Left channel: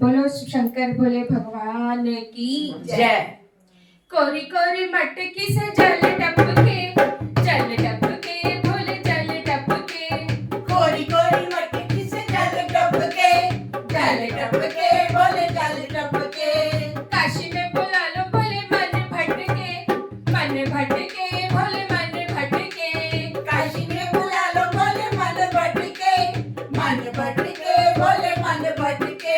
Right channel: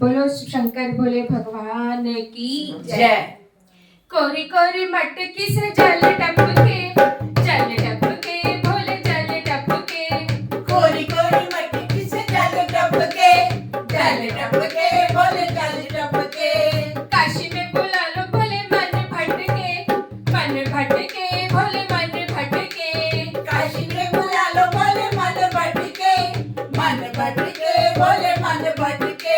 बोलो शंकर भोले भगवान की जय। कोरी कोरी मटकी से जल टपके, जल टपके भोले जल टपके। कोरी कोरी मटकी से जल टपके, जल टपके बोले जल टपके। काशी में बुला लो भोले मन भटके, मन भटके भोले मन भटके। काशी में बुला लो बोले मन भटके, मन भटके बोले मन भटके।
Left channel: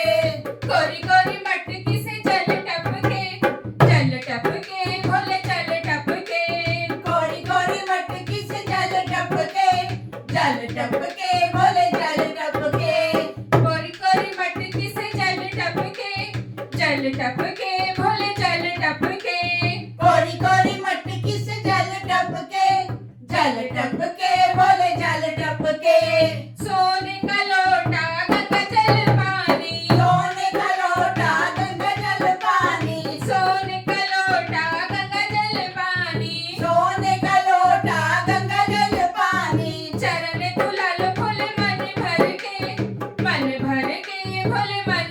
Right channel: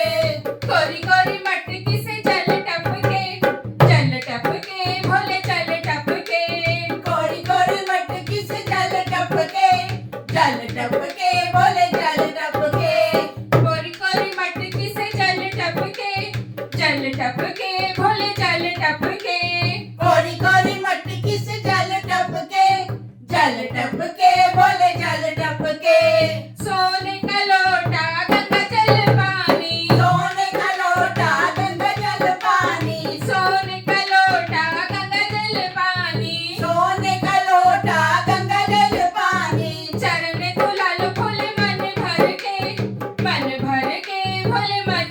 कोरी कोरी मटकी से जल टपके, जल टपके भोले जल टपके। कोरी कोरी मटकी से जल टपके, जल टपके बोले जल टपके। कोरी कोरी मटकी से जल टपके, जल टपके भोले जल टपके। कोरी कोरी मटकी से जल टपके, जल टपके बोले जल टपके। सोने का लोटा गंगा जल पानी, सोने का लोटा गंगा जल पानी, सोने का लोटा गंगा जल पानी। सोने का लोटा गंगा जल पानी। चरण धुला लो भोले मन भर के, मन भर के भोले मन